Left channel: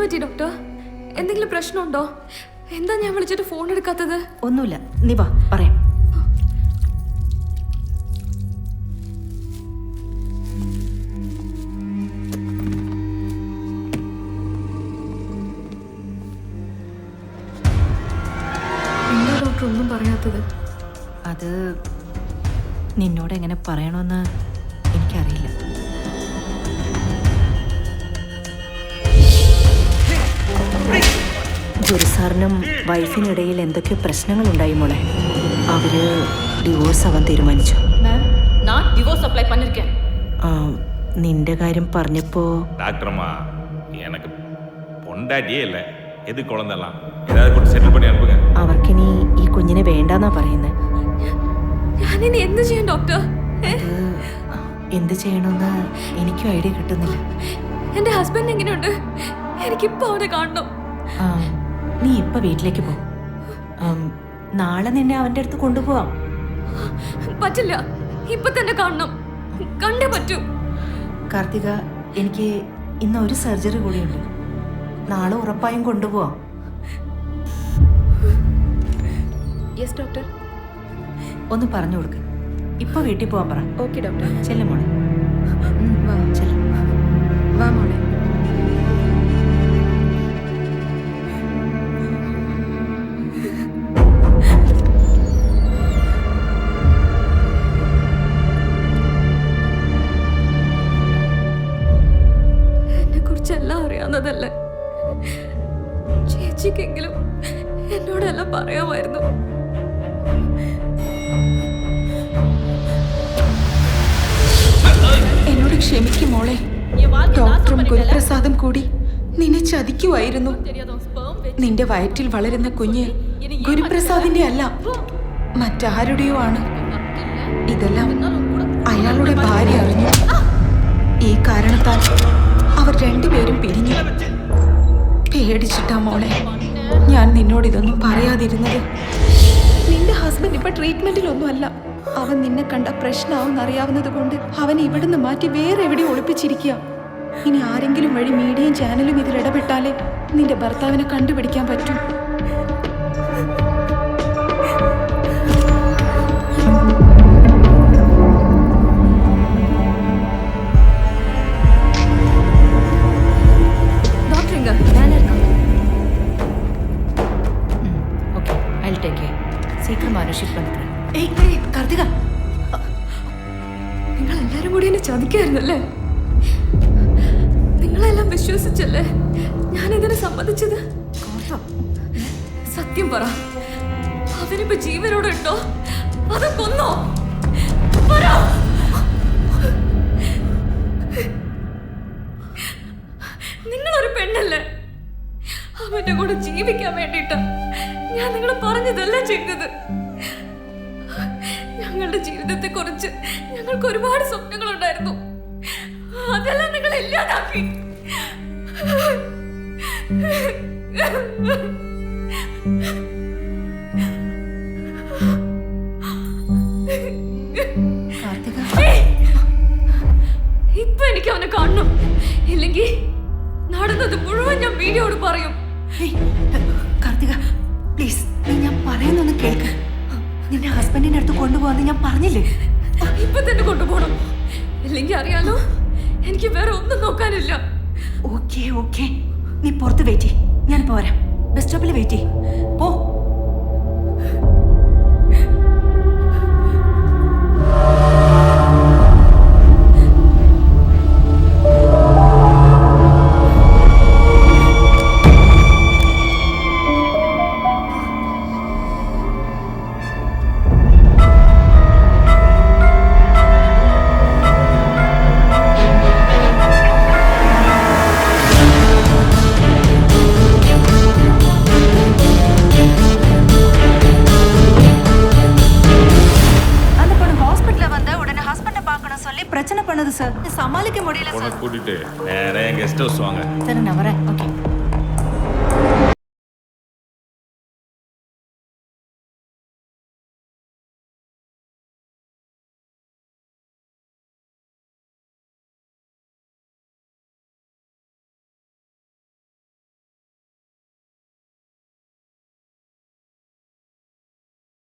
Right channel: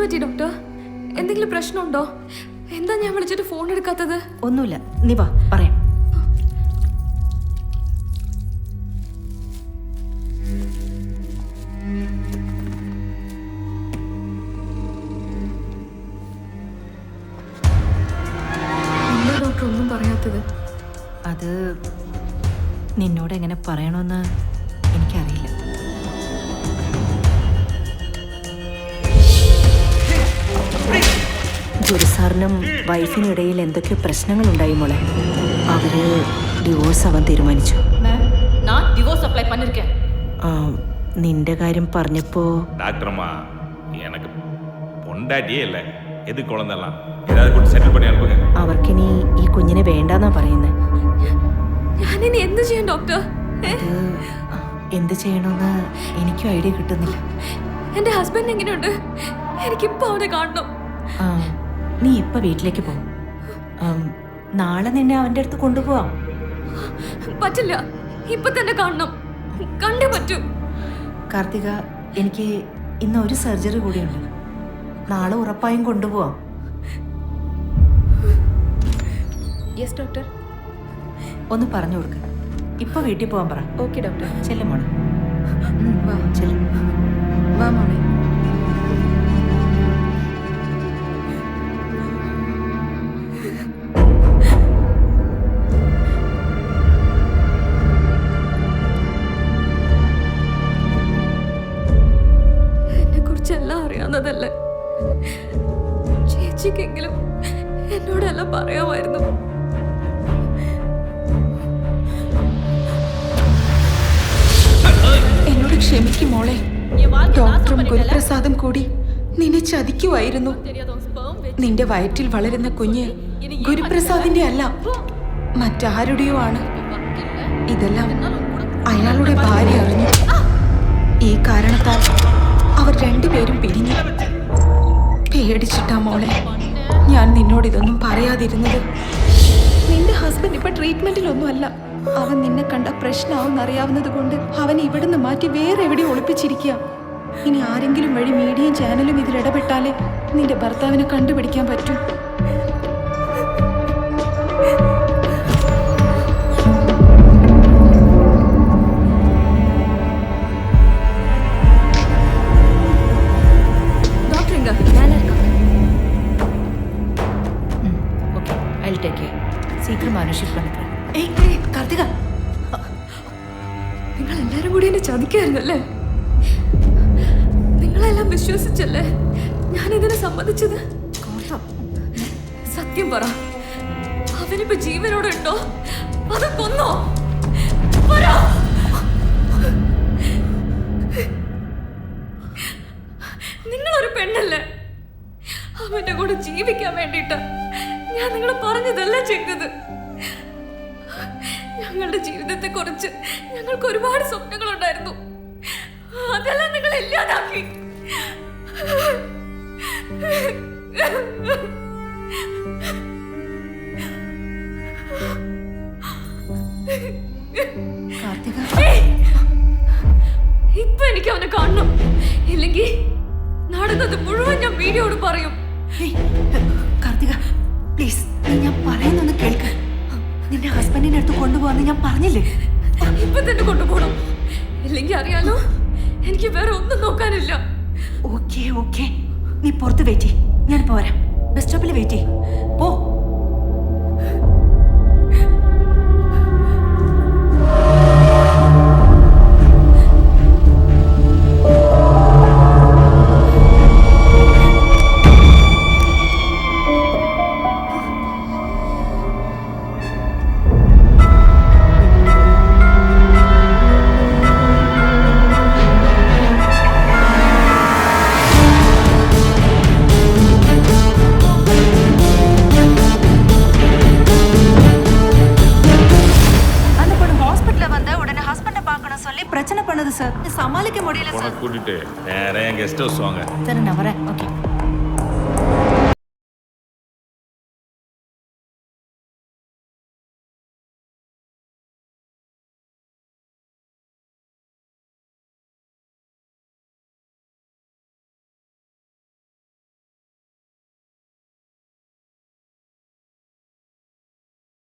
പറ്റി ഡോക്ടർ? എന്തെങ്കിലും പ്രശ്നമുണ്ടോ? എന്താ ഞാൻ വിളിച്ചിട്ട് ഫോൺ എടുക്കാത്തത്? ഒന്നുമില്ല, നീ വാ പറയാം. എന്താ ഡോക്ടർ ഒന്നും പറയാത്തത്? അത് നിന്നോട് എങ്ങനെ പറയണമെന്ന് എനിക്കറിയില്ല. ഗുരുസാറിനും വൈഫിനിടയിൽ എന്തൊക്കെയോ പ്രശ്നങ്ങളുണ്ടായി മോളെ. അവര് ഡിവോഴ്സ് ആവാൻ തീരുമാനിച്ചു. നിന്റെ കാര്യം പറഞ്ഞപ്പോ டாக்டர்மா எனக்கு பொண்டாட்டியே இல்லை, எது குழந்தெல்லாம் ஏதாவது கொடுத்து செட்டில் பண்ணி அனுப்புங்க. അവർക്കിനി ഈ കുഞ്ഞിനെ വേണ്ടാന്നാ പറയുന്നത്. ഞാനിനി എന്ത് ചെയ്യും ഡോക്ടർ? എന്ത് ചെയ്യണമെന്ന് എനിക്കും ഐഡിയ കിട്ടുന്നില്ല. എന്റെ ഹസ്ബൻഡ് എങ്ങനെയുണ്ട്? എനിക്കിപ്പോ അവനെ കാണണം. നീ ഇപ്പൊ വീട്ടിലേക്ക് പോ. നാളെ നിന്നെ അവന്റെ അടുത്ത് കൊണ്ടുപോവാം. പറ്റില്ല, ഇപ്പൊ തന്നെ കാണണം. കണ്ടേ പറ്റൂ. കാർത്തിക, എനിക്ക് ഇന്ന് ഒരു സർജറി കൂടിയുണ്ട്. നാളെ ഉറപ്പായും കൊണ്ടുപോവാം. Yes doctor. ഒന്ന് പറഞ്ഞു കൊടുക്ക്. ഇപ്പൊ വീട്ടിൽ പോവാൻ പറ. Okay doctor. ചെല്ലു മോളെ. വാ ചെല്ലു. വാ മോളെ. എന്നെ കുറിച്ചെല്ലാം അറിയാവുന്നതല്ലേ? ചേച്ചിക്കെങ്കിലും എന്നോടെല്ലാം പറയാമായിരുന്നു. എന്നോട് ക്ഷമിക്കും മോളെ. ഡോക്ടറും ഗുരുപ്രസാദും കൂടി നിന്നെ ചതിക്കുമായിരുന്നു. നിന്റെ വയറ്റിൽ വളരുന്ന കുഞ്ഞ് ഗുരുപ്രസാദിന്റെ അല്ല, മറ്റാരുടെയോ ആണ്. ഇതെല്ലാം അയാളുടെ ഭാര്യ അറിഞ്ഞു. ഈ കാരണത്താൽ അവർ രണ്ടുപേരും പിരിഞ്ഞു. പേടിച്ചിട്ടാ മോളെ ഞാൻ നിന്നോട് ഇതൊന്നും പറയാതിരുന്നത്. നിന്റെ ഹസ്ബൻഡ് ഇപ്പൊ ട്രീറ്റ്മെന്റിലൊന്നും അല്ല. അവൻ നിന്നെ കണ്ട പ്രശ്നമാവും അറിയാവുന്നത് കൊണ്ട് അവൻ ഇവിടുന്ന് മാറ്റി വേറെ എവിടെ ഒളിപ്പിച്ചിരിക്കുക. ഇനി ആരെങ്കിലും വഴി മീഡിയയും ചാനലും ഇതിൽ ഇടപെട്ടാലേ നിന്റെ ഭർത്താവിനെ കണ്ടുപിടിക്കാൻ പറ്റൂ. ഡോക്ടർ എങ്ക വേല இருக்காங்க. Okay, I will take care. சீக்கிரம் அனுஷிட் பண்ணிக்கிறேன். കാർത്തിക, നിങ്ങൾ എല്ലാരും കൂടി എന്നെ ചതിക്കായിരുന്നല്ലേ? നിങ്ങളെല്ലാം വിശ്വസിച്ചല്ലേ ഞാൻ ഇതിനെ സമ്മതിച്ചത്? സത്യം പറ, അവനിപ്പോ ജീവനോടെ ഉണ്ടോ അതോ കൊന്നോ? പറ. നിങ്ങളൊരു പെണ്ണല്ലേ? അവന്റെ കൂടെ ജീവിക്കാൻ വേണ്ടിട്ട് ഞാൻ നിങ്ങൾ പറഞ്ഞതെല്ലാം ചെയ്തത്. ഞങ്ങളുടെ ജീവിതത്തെ കുറിച്ച് ഞങ്ങൾക്ക് ഒരുപാട് സ്വപ്നങ്ങളുണ്ടായിരുന്നു. അതെല്ലാം നിങ്ങൾ ഇല്ലാതാക്കി. ഇപ്പൊ എനിക്ക് അവനെ കാണണം. ഇല്ലെങ്കിൽ നടന്നത് മുഴുവൻ ഞാൻ വീഡിയോട് പറയും. കാർത്തിക പ്ലീസ്, നീ ഞാൻ പറയുന്നൊന്ന് കേൾക്ക്. നിന്റെ ഹസ്ബൻഡിന്റെ അടുത്ത് കൊണ്ടുപോകാന്ന് ഞാൻ പറഞ്ഞില്ലേ? ഇപ്പൊ തന്നെ കൊണ്ടുപോകണം. ഇല്ലെങ്കിൽ അറിയാലോ, എനിക്ക് വേറെ ഒന്നും നോക്കാനില്ല. ഓക്കെ ഓക്കെ, നീ പുറത്ത് വെയിറ്റ് ചെയ്യ്. ഞാൻ പോരാം. ബസ് സ്റ്റോപ്പിൽ വെയിറ്റ് ചെയ്യ്. പോ. பிரச்சனை பண்ணது சார், சமாளிக்க முடியல சார். கூட்டிட்டு நேரா என் கெஸ்ட் ஹவுஸ் வாங்க. சரி நான் வரேன். ஓகே.